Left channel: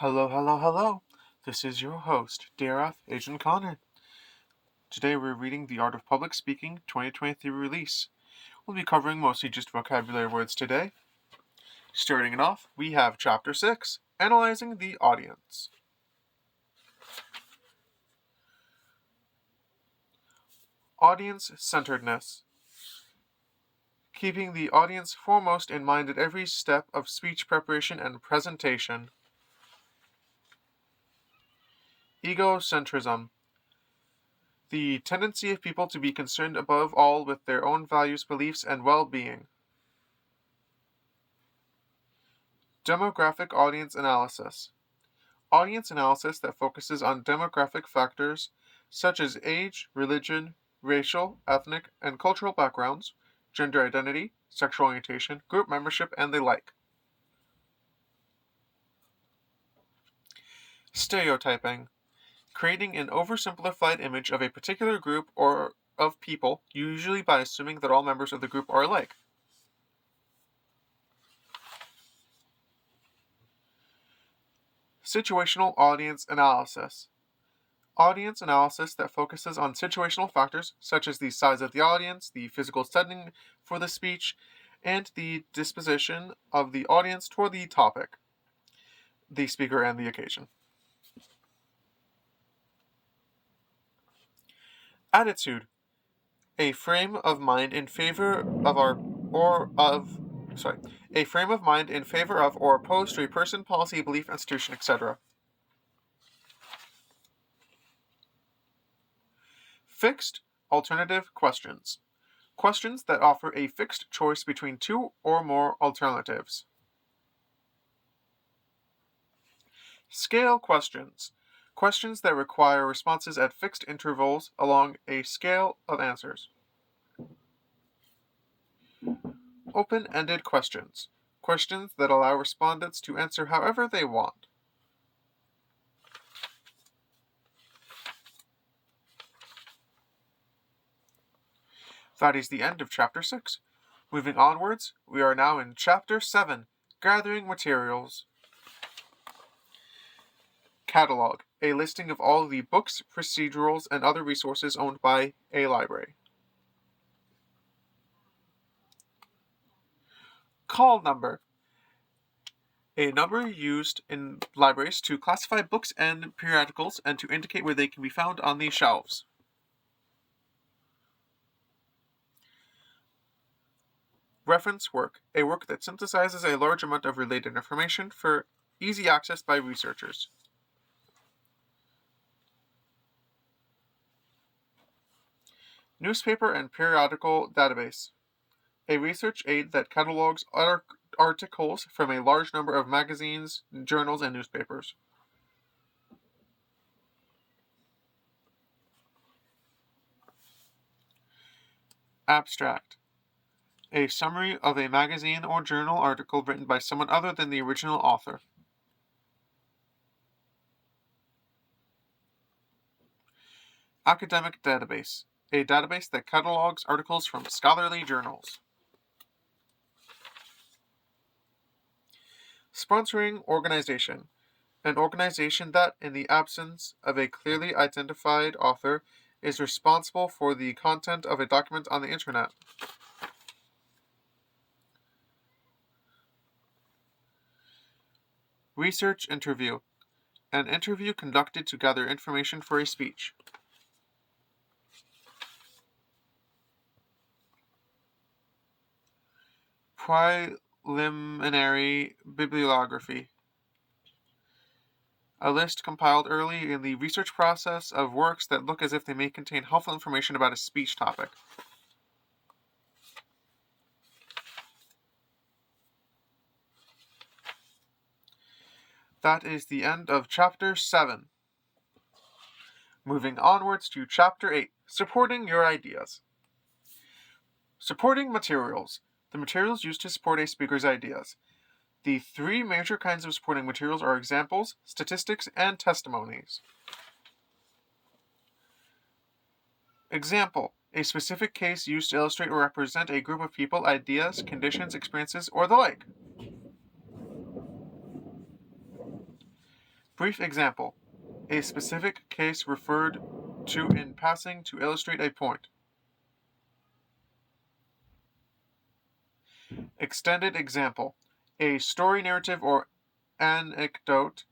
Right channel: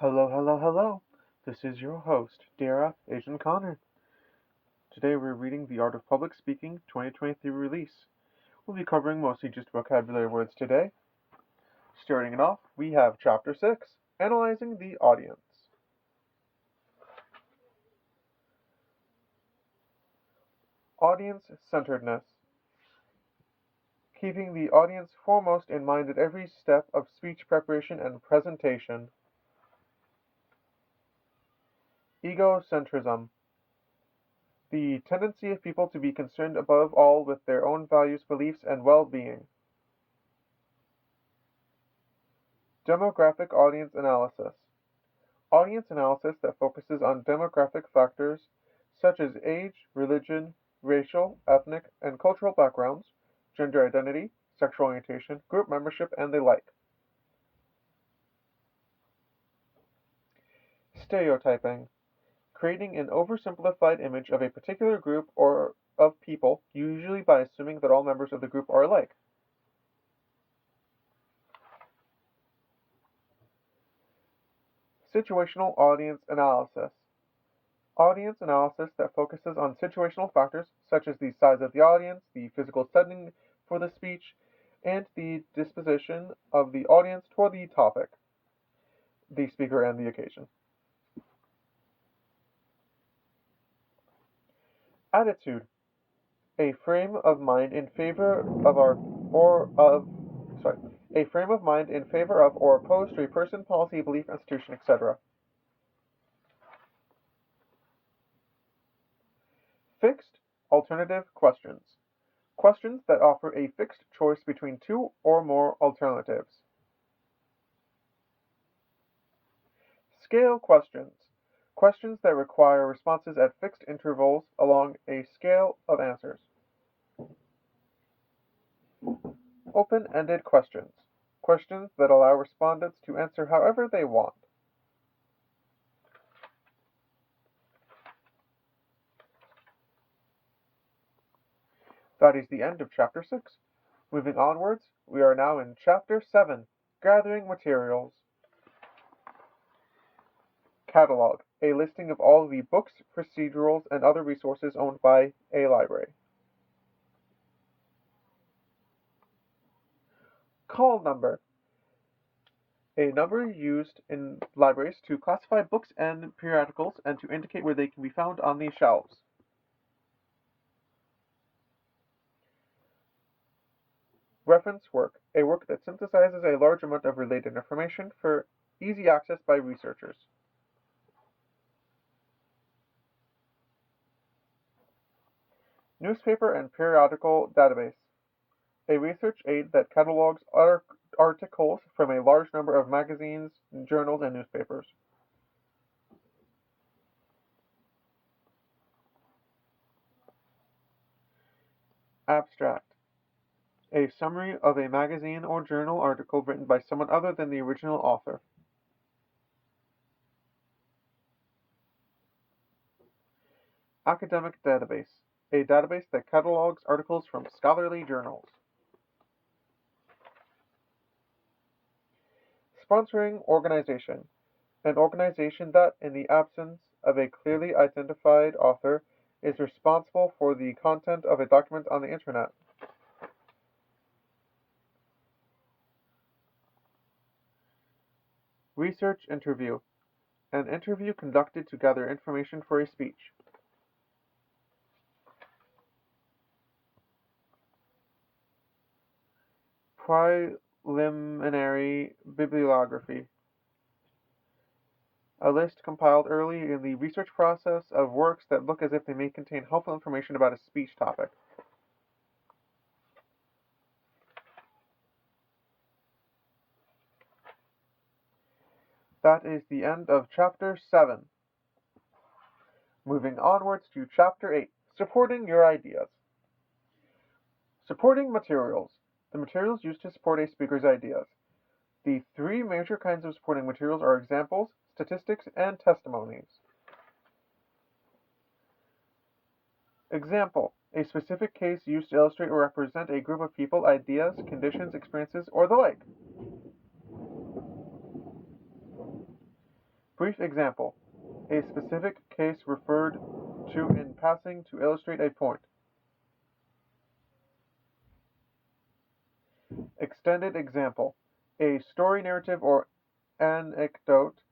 Hello, hello, hello. This is your host, D.R.F-Agent Connor. Today we're reading The Art of Public Speaking 2023 release. We'll be covering mostly just vocabulary words today. Starting it off, we have Chapter 6, Analyzing the Audience. Audience-centeredness. Keeping the audience foremost in mind at every step of speech preparation and presentation. Egocentrism. The tendency of people to be concerned above all with their own values, beliefs, and well-being. Demographic audience analysis. Audience analysis that focuses on demographic factors such as age, religion, racial, ethnic, and cultural backgrounds, gender identity, sexual orientation, group membership, and the like. Stereotyping. Creating an oversimplified image of a particular group or of people, usually by assuming that all members of the group are alike. Situational audience analysis. Audience analysis that focuses on situational factors such as the size of the audience, the physical setting for the speech, and the disposition of the audience toward the topic, the speaker, and the occasion. Attitude. A frame of mind in favor of a frame of mind in favor of or opposed to a person, policy, belief, institution, etc. Fixed alternative questions. Questions that offer a fixed choice between two or more alternatives. Scale questions. Questions that require responses at fixed intervals along a scale of answers. Open-ended questions. Questions that allow respondents to answer however they want. That is the end of Chapter 6. Moving onwards, we are now in Chapter 7, Gathering Materials. Catalog, a listing of all the books, procedurals, and other resources owned by a library. Call number, a number used in libraries to classify books and periodicals and to indicate where they can be found on the shelves. Reference work, a work that synthesizes a large amount of related information for easy access by researchers. Newspaper and periodical database, a research aid that catalogs articles from a large number of magazines, journals, and newspapers. Abstract, a summary of a magazine or journal article written by someone other than the original author. Academic database, a database that catalogs articles from scholarly journals. Sponsoring organization, an organization that, in the absence of a clearly identified author, is responsible for the content of a document on the internet. Research interview, an interview conducted to gather information for a speech. Preliminary bibliography, a list compiled early in the research process of works that look as if they may contain helpful information about a speech topic. That is the end of Chapter 7. Moving onwards to Chapter 8, Supporting Your Ideas. Supporting materials, the materials used to support a speaker's ideas. The three major kinds of supporting materials are examples, statistics, and testimonies. Example, a specific case used to illustrate or represent a group of people, ideas, conditions, experiences, or the like. Brief example. A specific case referred to in passing to illustrate a point. Extended example. A story narrative or anecdote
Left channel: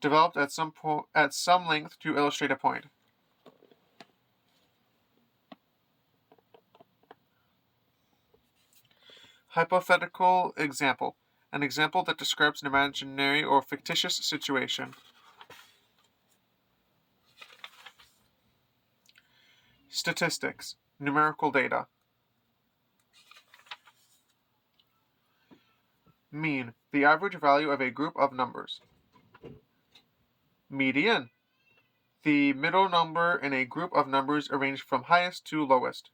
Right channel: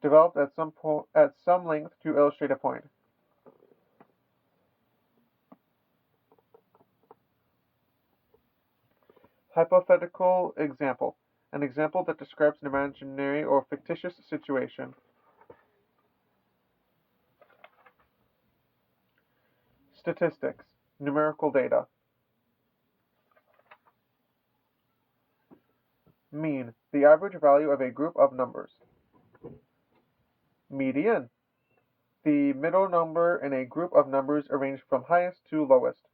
developed at some length to illustrate a point. Hypothetical example. An example that describes an imaginary or fictitious situation. Statistics. Numerical data. Mean. The average value of a group of numbers. Median. The middle number in a group of numbers arranged from highest to lowest.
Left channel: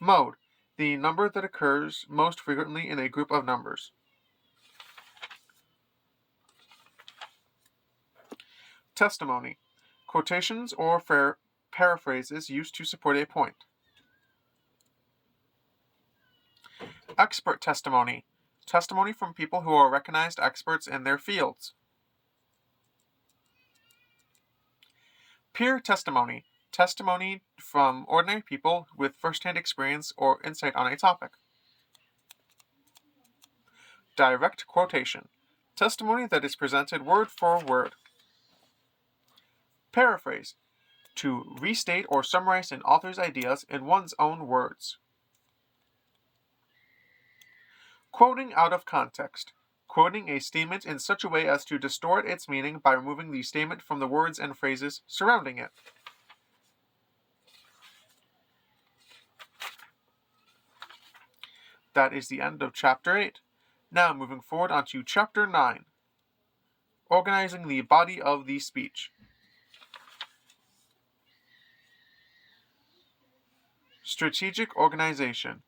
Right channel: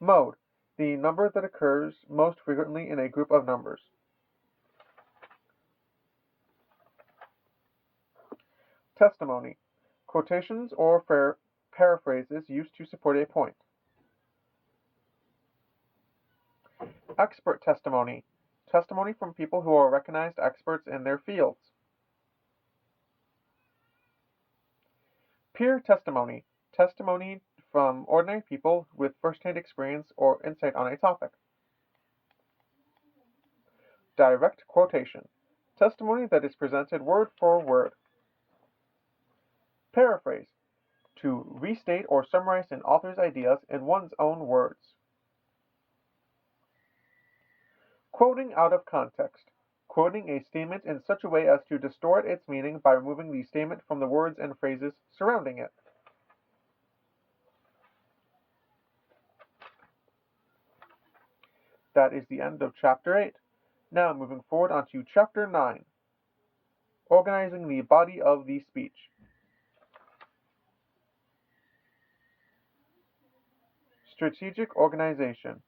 Mode. The number that occurs most frequently in a group of numbers. Testimony. Quotations or paraphrases used to support a point. Expert testimony. Testimony from people who are recognized experts in their fields. Peer testimony. Testimony from ordinary people with first-hand experience or insight on a topic. Direct quotation. Testimony that is presented word for word. Paraphrase. To restate or summarize an author's ideas in one's own words. Quoting out of context. Quoting a statement in such a way as to distort its meaning by removing the statement from the words and phrases surrounding it. That is the end of Chapter 8. Now moving forward onto Chapter 9. Organizing the body of the speech. Strategic organization.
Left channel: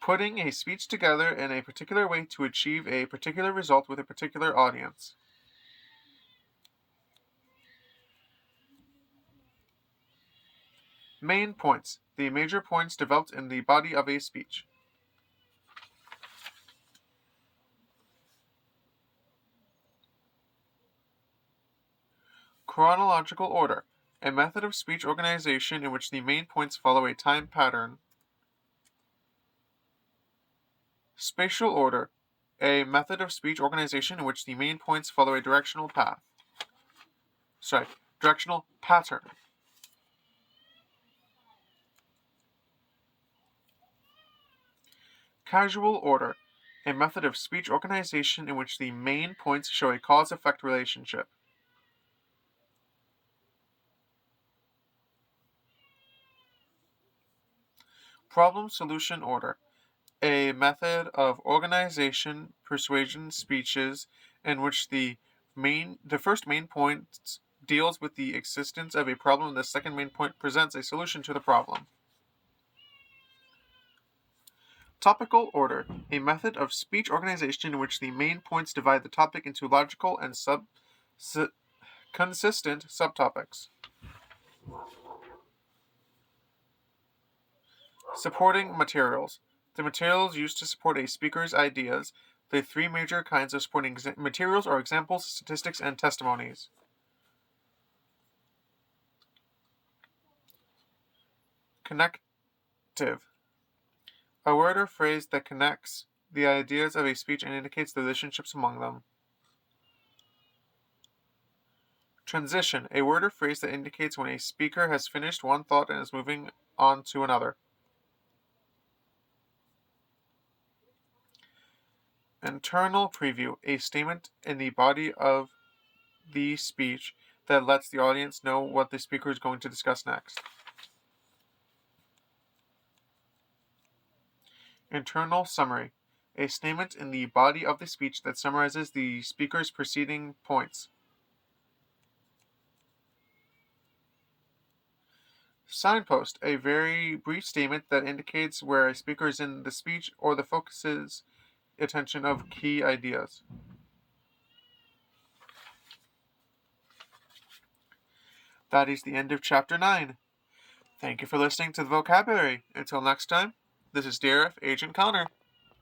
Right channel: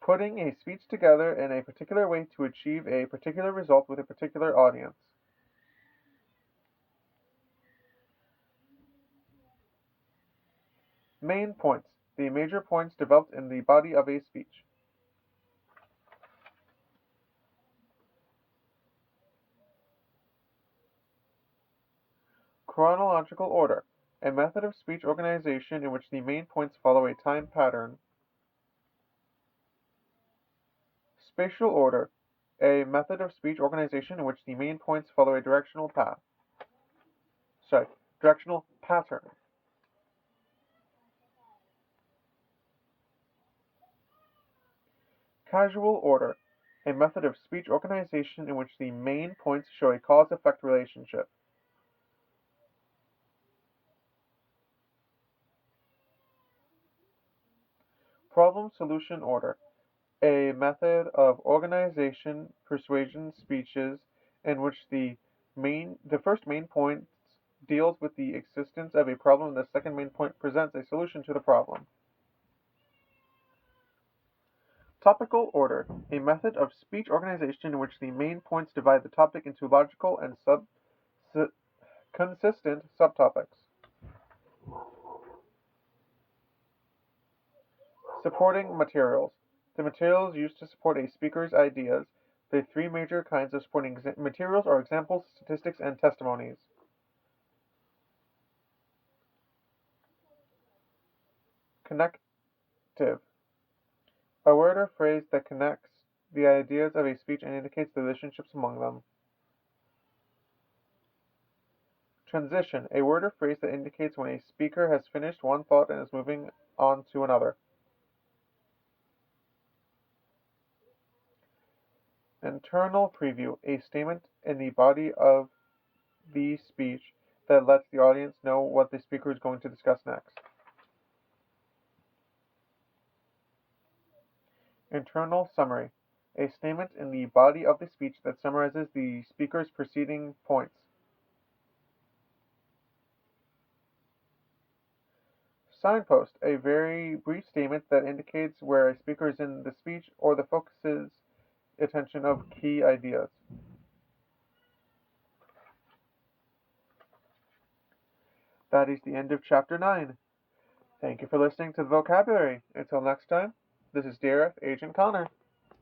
Putting a speech together in a particular way to achieve a particular result with a particular audience. Main points. The major points developed in the body of a speech. Chronological order. A method of speech organization in which the main points follow a time pattern. Spatial order. A method of speech organization in which the main points follow a directional pattern. Causal order. A method of speech organization in which the main points show a cause-effect relationship. Problem-solution order. A method of organization, persuasion speeches in which the first main point deals with the existence of a problem and the second main point presents a solution to the problem. Topical order. A method of speech organization in which the main points divide the topic into logical and consistent subtopics. Supporting materials. The materials used to support a speaker's ideas. The three major kinds of supporting materials are examples, statistics, and testimonies. Connective. A word or phrase that connects the ideas of a speech and indicates the relationships among them. Transition. A word or phrase that indicates when a speaker has finished one thought and is moving on to another. Internal preview. A statement in the body of the speech that lets the audience know what the speaker is going to discuss next. Internal summary. A statement in the body of the speech that summarizes the speaker's preceding points. Signpost. A very brief statement that indicates where a speaker is in the speech or the focuses attention of key ideas. That is the end of Chapter 9. Thank you for listening to the vocabulary. Until next time, this is D.R.F-Agent Connor.